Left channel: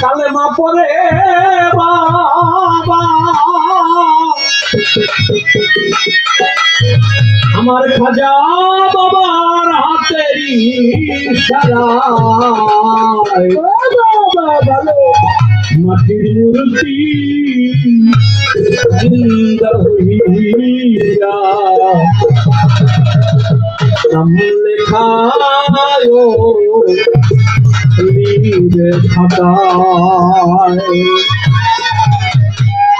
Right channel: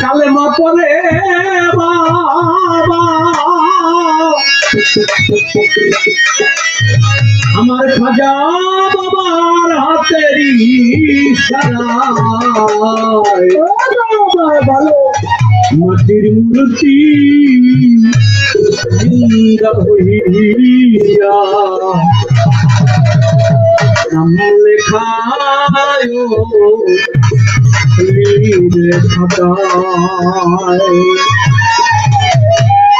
কালেমা পড়ে বাবা আমার খাজা বাবার হাতেরই ইশারায় ভালো মাটির মূর্তি জিন্দা হইয়া নাম লেখায় খাতায়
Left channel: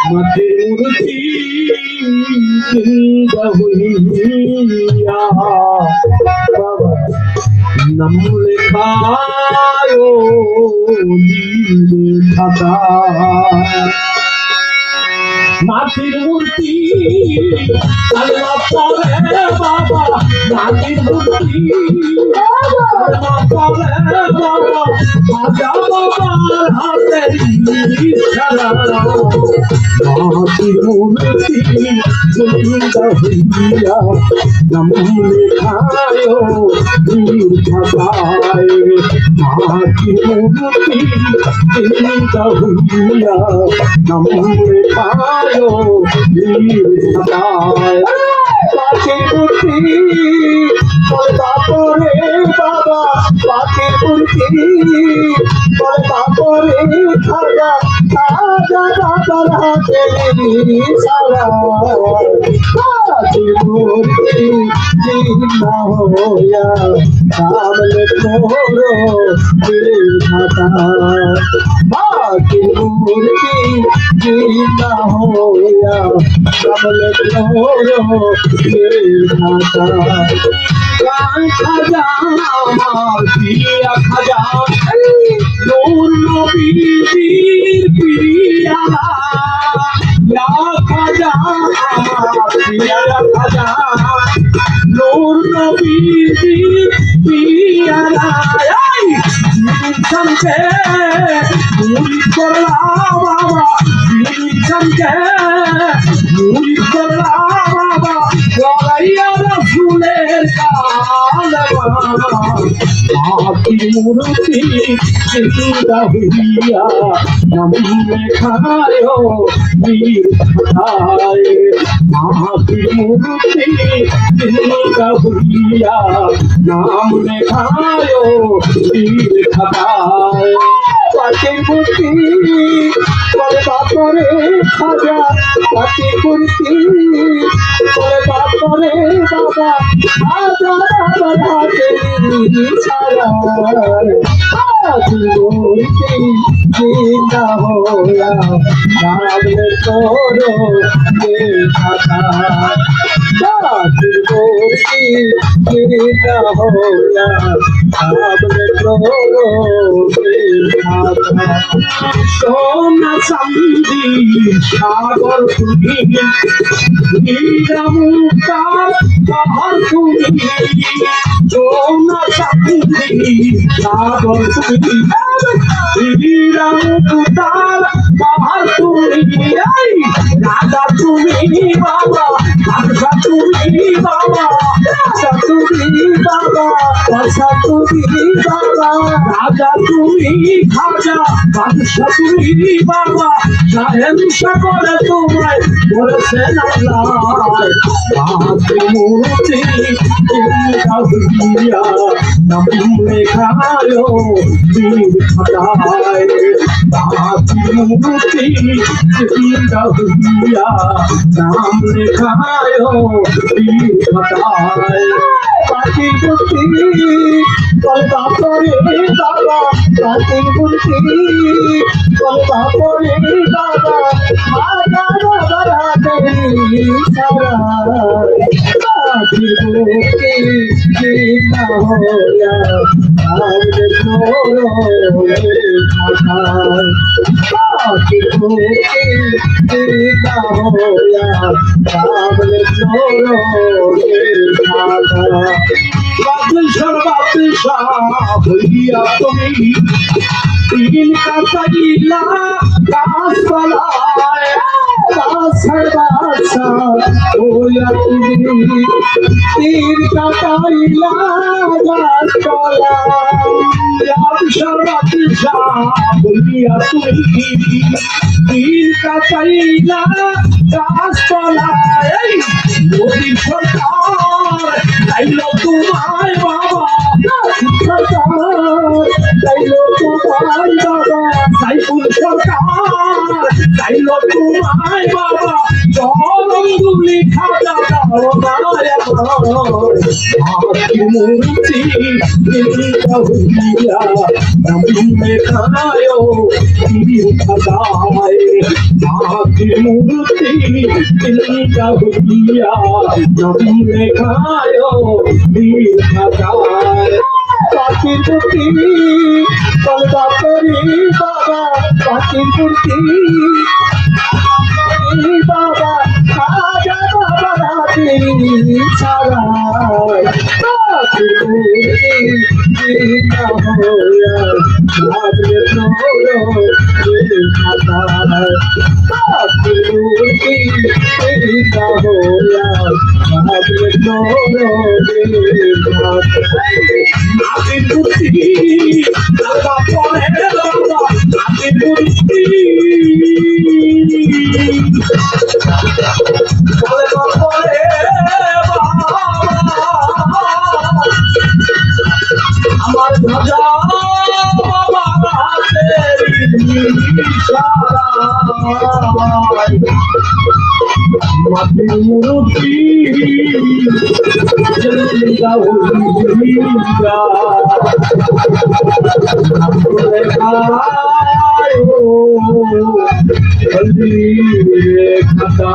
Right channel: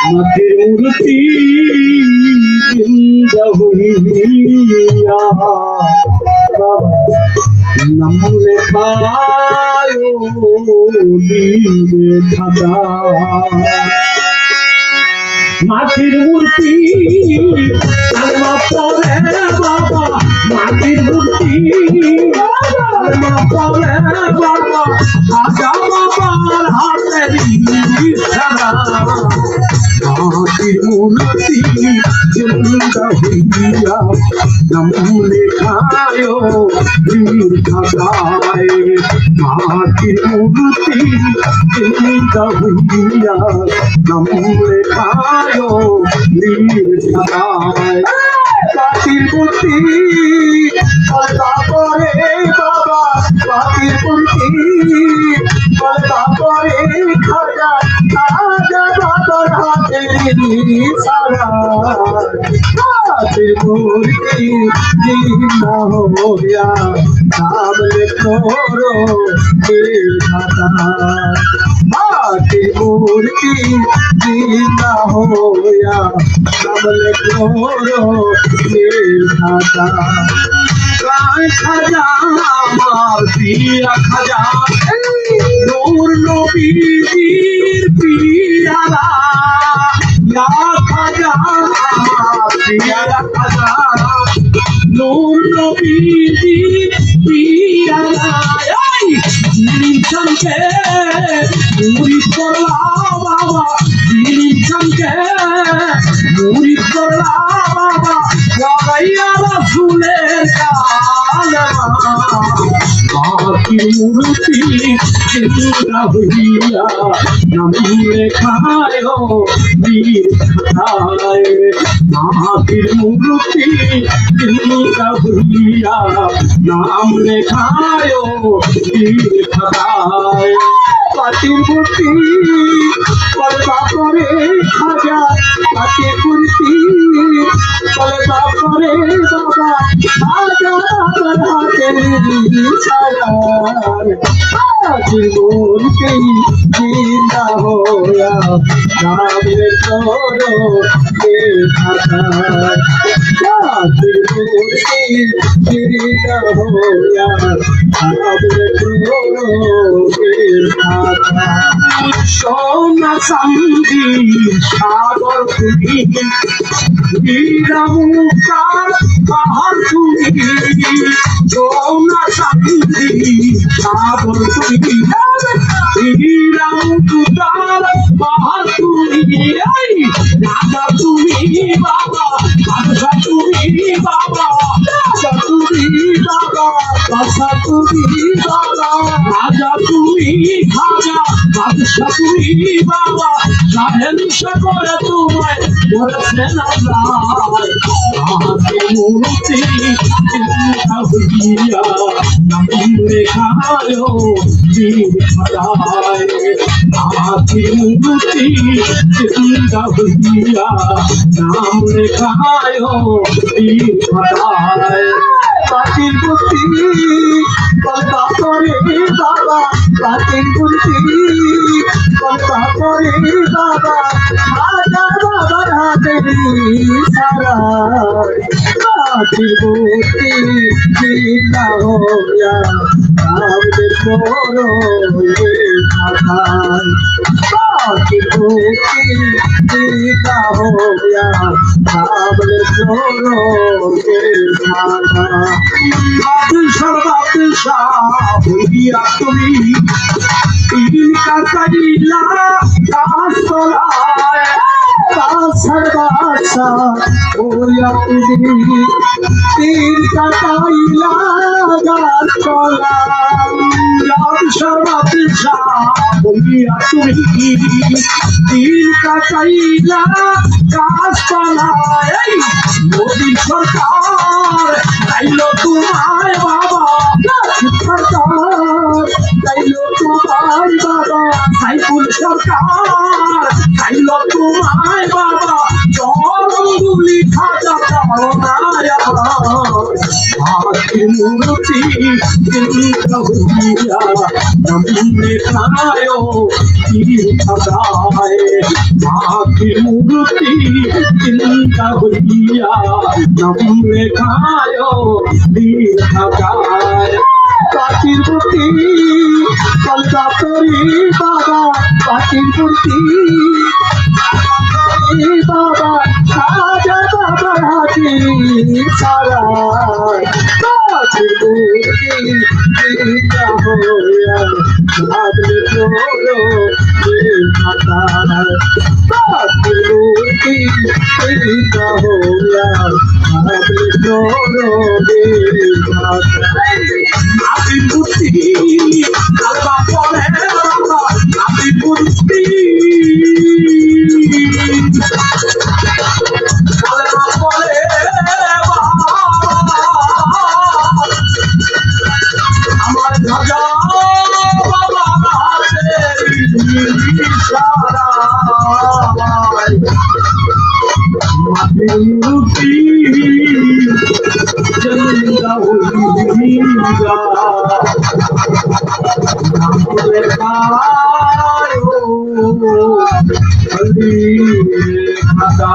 মাটির মূর্তি জিন্দা হইয়া নাম লেখায় খাতায় মাটির মূর্তি কালেমা পড়ে বাবা মাটির মূর্তি কালেমা পড়ে বাবা খাজা বাবার হাতের ইশারা মাটির মূর্তি জিন্দা হইয়া নাম লেখায় বীর খাতায় মাটির মূর্তি জিন্দা হইয়া নাম লেখায় বীর খাতায় মাটির মূর্তি তারপরে বাবা মাটির মূর্তি তারপরে খাজা খাজা বাবার হাতের ইশারা মাটির মূর্তি জিন্দা হইয়া নাম লেখো বীর খাতায় মাটির মূর্তি জিন্দা হইয়া নাম লেখো বীর খাতায় খাজা আমার প্রিয় খাজা নূর নবীর প্রিয়ারা ইয়া খাজা আমার প্রিয় খাজা নূর নবীর প্রিয়ারা নিজামকে মুরিদ করলা বাবা নিজামকে মুরিদ করলা বাবা ইয়া রাসূলের মাটির মূর্তি জিন্দা হইয়া নাম লেখায় বীর খাতায় মাটির মূর্তি জিন্দা হইয়া নাম লেখায় বীর খাতায় মাটির মূর্তি বলে বাপরে খাজা মাটির মূর্তি বলে বাপরে বাবা খাজা বাবার হাতের ইশারা মাটির মূর্তি জিন্দা হইয়া নাম লেখো বীর খাতায় মাটির মূর্তি জিন্দা হইয়া নাম লেখো বীর খাতায় সোনা চাঁদি সাগর তুমি হীরা মুক্তার পাহাড় তুমি সোনা চাঁদি সাগর তুমি হীরা মুক্তার পাহাড় তুমি রাজা তুমি বাবা রাজা তুমি বাবা রাজা তুমি বাবা রাজা তুমি বাবা রাজা তুমি খাজা বাদশা তুমি বাবা শাহেনশা করে তোমায় বলেছেন আল্লাহ মাটির মূর্তি জিন্দা হইয়া নাম লেখায় বীর খাতায় মাটির মূর্তি জিন্দা হইয়া নাম লেখায় বীর খাতায় মাটির মূর্তি তারপরে বাবা মাটির মূর্তি তারপরে বাবা খাজা বাবার হাতের ইশারা মাটির মূর্তি জিন্দা হইয়া নাম লেখো বীর খাতায় মাটির মূর্তি জিন্দা হইয়া নাম লেখো বীর খাতায় বাদশাহ হইয়া তুমি তিন কাটাইলা গাছতলায় গাছের বাসা হইয়া তুমি তিন কাটাইলা গাছতলায় সর্বদিশা বলিয়া তুমি দিন কাটাইলা গাছপালায় মোদীর সরকার তাইলো তোমায় বাবা সরকার তাইলো তোমায় বাবা সাইফুল সরকার তাইলো তোমায় বাবা জলগুলি খাজা দাও না হাতির মূর্তি চিন্তা হইয়া নবীনে খায়ো তীর খাদায় হাতির মূর্তি চিন্তা হইয়া নবীনে খায়ো তীর খাদায় প্রাচীর মূর্তি কলকা করি বাবা প্রাচীর মূর্তি বাবা রাজা বাবা হাতির ছাড়ায় প্রাচীর মূর্তি চিন্তা হইয়া ভাবলে তোলো খাতায় প্রাচীর মূর্তি চিন্তা হইয়া ভাবলে তোলো নাতির মূর্তি আলবা পরে বাবা নাতির মূর্তি আলবা পরে বাবা আমার ধ্বজা বাবা হাতের ইশারায় মাটির মূর্তি জিন্দা হইয়া নামলে খায়ো হলি খাদা